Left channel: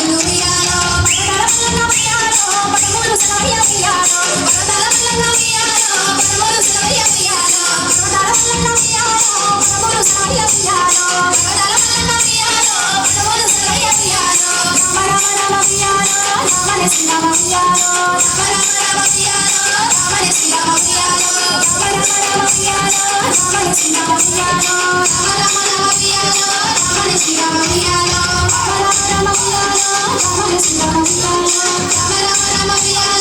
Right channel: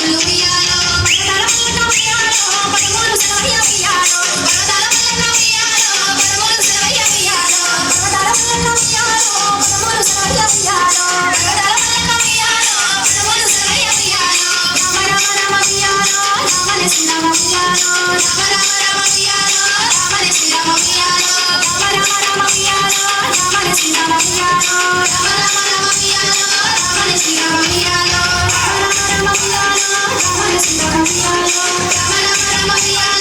ఉయ్యాలో Thank you.